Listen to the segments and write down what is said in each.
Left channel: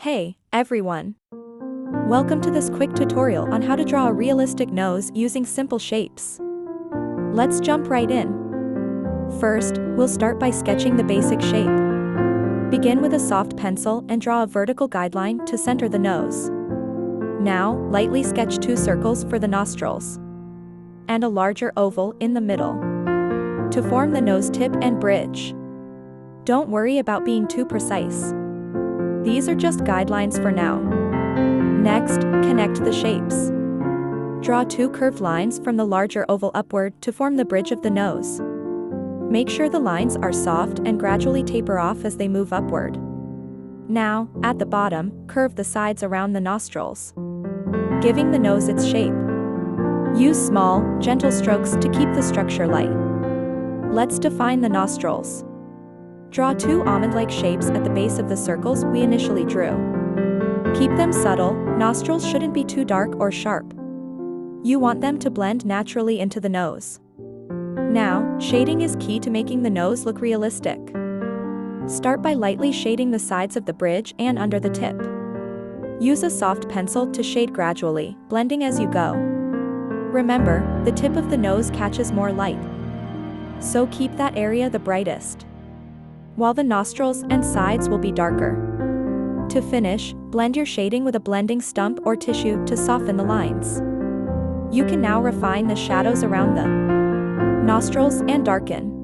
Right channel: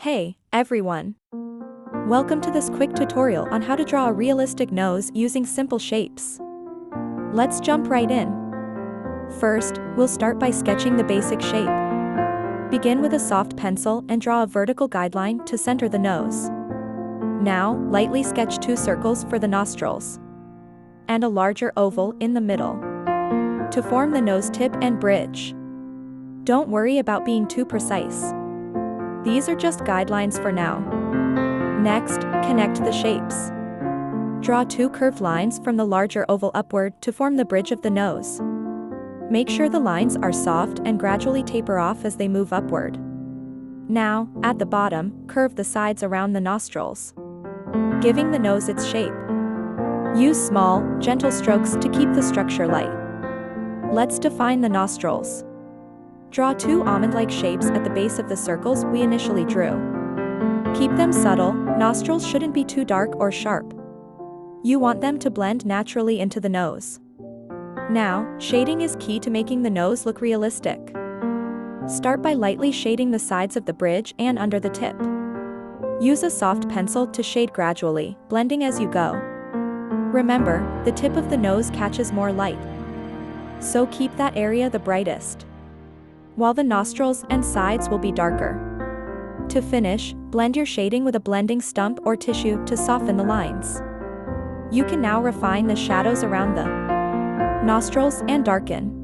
Hey, everyone! Welcome to this quick tutorial on how to draw a realistic nose using simple shapes. Let's jump right in. First, we'll start by sketching the basic shape. Begin with a soft pencil and draw a vertical guideline to center the nose. Now, lightly sketch 2 circles for the nostrils and a larger oval in the middle to form the nose tip and bridge. Don't worry about being too precise. These are just guidelines for now. Next, connect the shapes. Draw 2 curved lines from the larger oval upward to form the bridge of the nose. Make sure the lines are soft and gradually taper off as they move upward. Now, at the bottom, curve the sides around the nostrils, giving the nose its shape. Use small, gentle strokes to keep the structure light. Let's define the nostrils. Draw 2 almond-like shapes at the base of the circles we initially drew. Keep them subtle, nostrils shouldn't be too dark or sharp. You want them to blend naturally into the nose. Now, shading is key to making the nose look realistic. Start by lightly shading the sides of the bridge and under the tip. Use a soft pencil to shade gradually, blending as you go. Remember, the tip of the nose catches more light, so keep that area the brightest, while the nostrils and sides will be darker. To finish, blend your shading with a blending stump or tissue to soften the lines. You can now refine the shadows around the nostrils and darken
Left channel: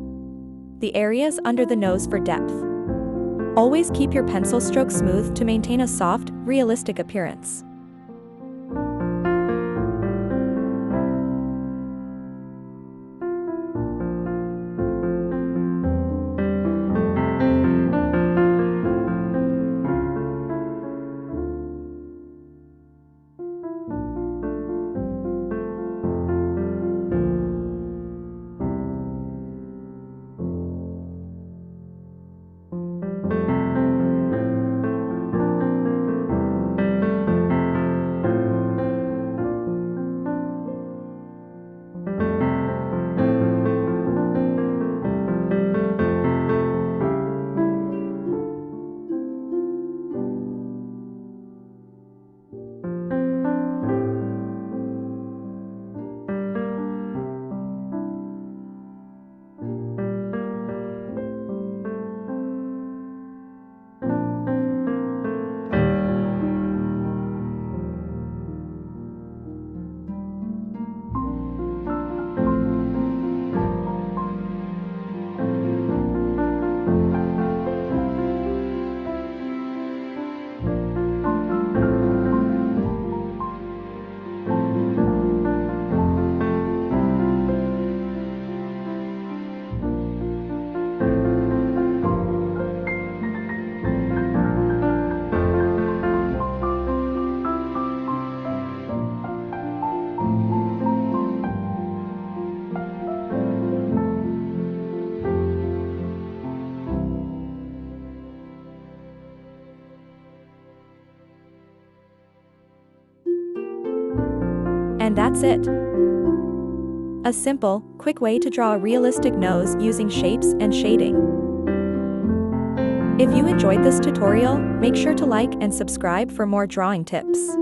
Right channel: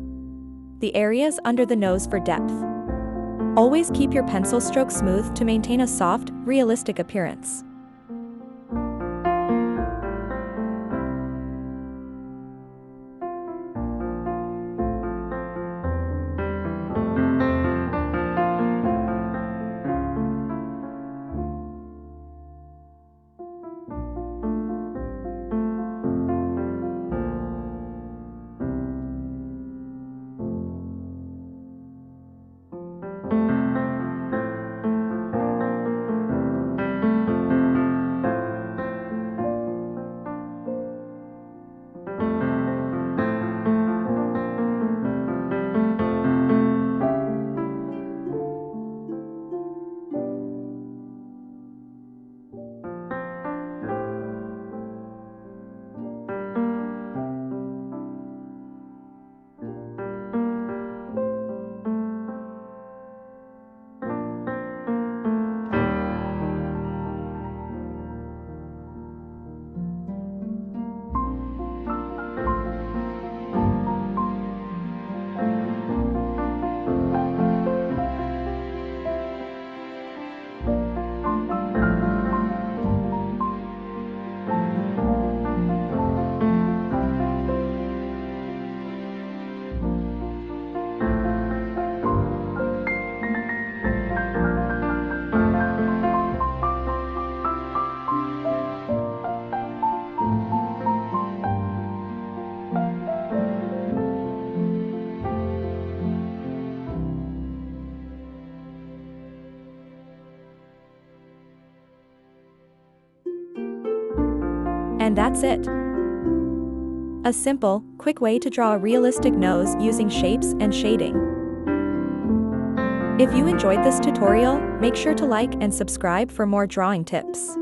the areas under the nose for depth. Always keep your pencil stroke smooth to maintain a soft, realistic appearance. And that's it. A simple, quick way to draw a realistic nose using shapes and shading. If you enjoyed this tutorial, make sure to like and subscribe for more drawing tips.